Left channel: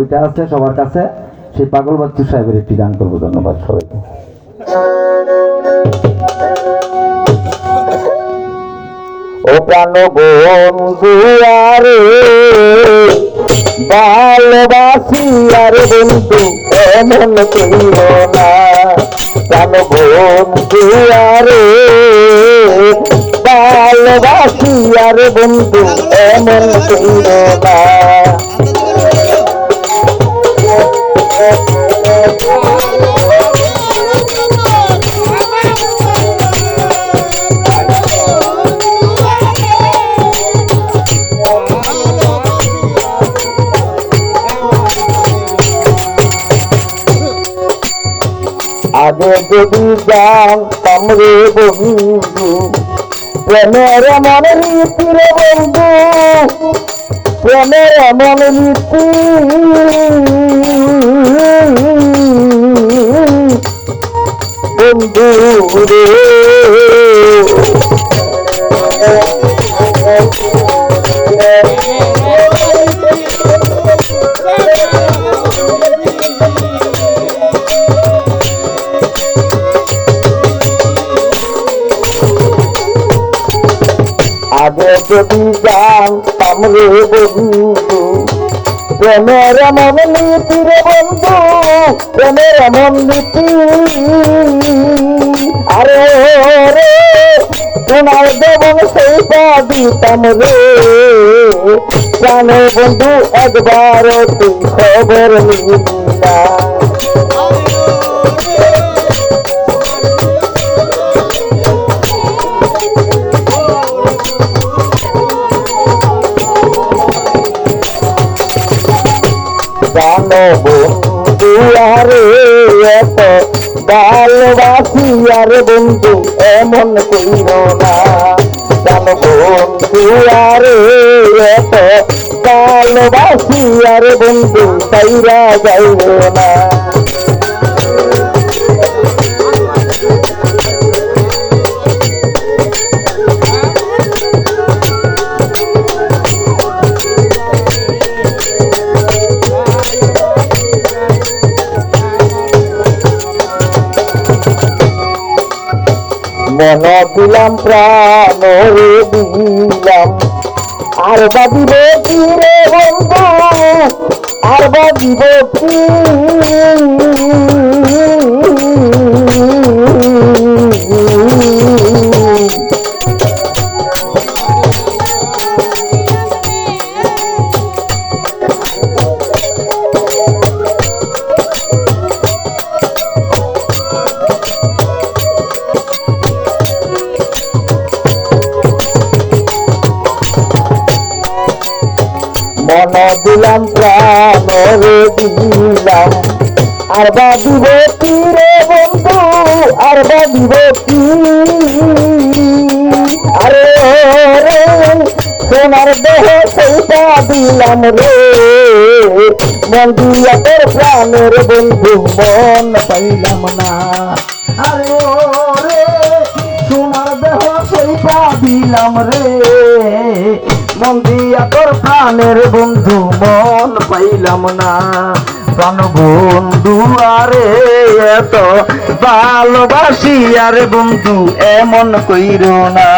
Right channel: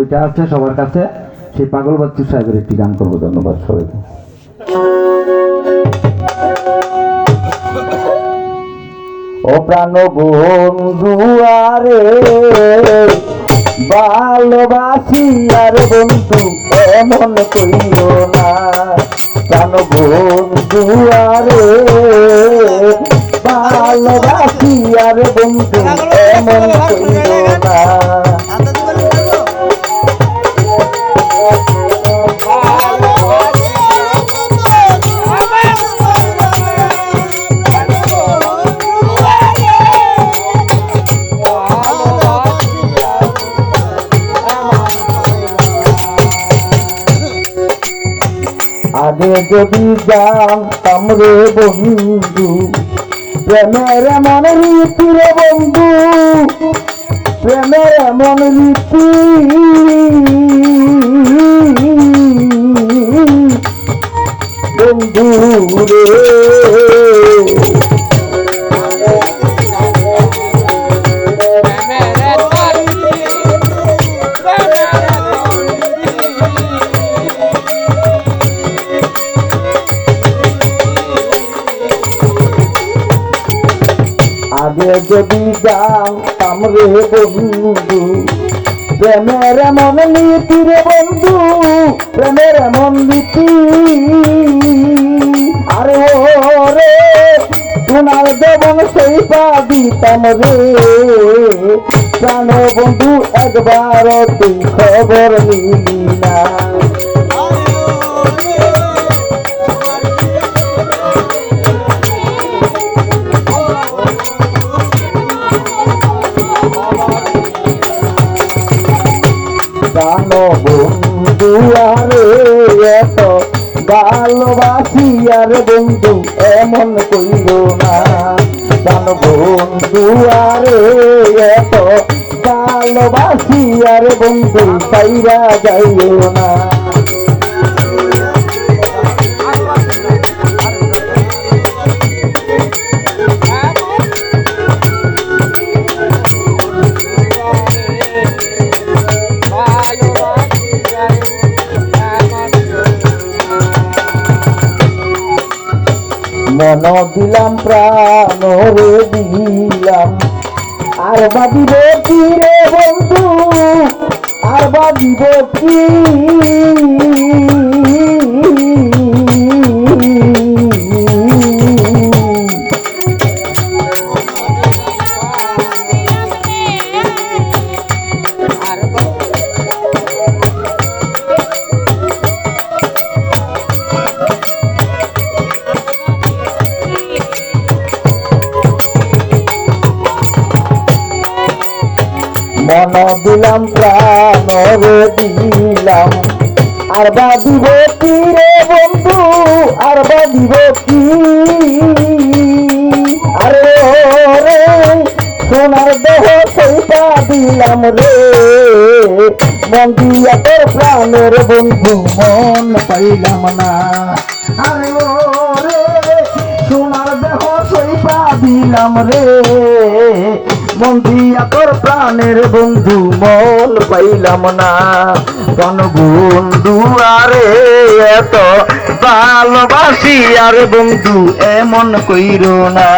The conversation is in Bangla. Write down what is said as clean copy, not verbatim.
ওইটা আছে সবার কাছে। সেই পাগল বাচ্চু সাহেবের একটি গান করবো। ধন্যবাদ সবাইকে। ও প্রাণ বন্ধু আরে ভালোবাসি আর বন্ধু এমন কইল না। প্রাণ বন্ধু আরে ভালোবাসি আর বন্ধু এমন কইল না। আগে যদি জানতাম রে বন্ধু প্রেমের এমন রীতি রে বন্ধু, প্রেমের এমন রীতি বন্ধু রে। আগে যদি জানতাম রে বন্ধু প্রেমের এমন নীতি রে বন্ধু, প্রেমের এমন নীতি আরে রে তোমার দেবন সেইটা দিতাম রে। প্রাণে বন্ধু একবার তুই খবর নিলি না। জানো বন্ধু আরে এত ভালোবাসি আর বন্ধু এমন কইল না। জানো বন্ধু আরে এত ভালোবাসি আর বন্ধু তাইরা যাইল না। মন দিলাম প্রাণ রে দিলাম আর বাদিব কি রে বন্ধু, আর বাদিব কি মন দিলাম প্রাণ রে দিলাম আর বাদিব কি রে বন্ধু, আর বাদিব কি আরে রে সোনার দেহ সেইটা দিলাম রে। মন দিয়া তোর প্রাণের বন্ধু মন পাইলাম না। আরে রে সোনার দেহ সেইটা দিলাম রে। মন দিয়া তোর প্রাণের বন্ধু মন পাইলাম না। প্রাণ বন্ধু আরে এত ভালোবাসি আর বন্ধু এমন কইরো না।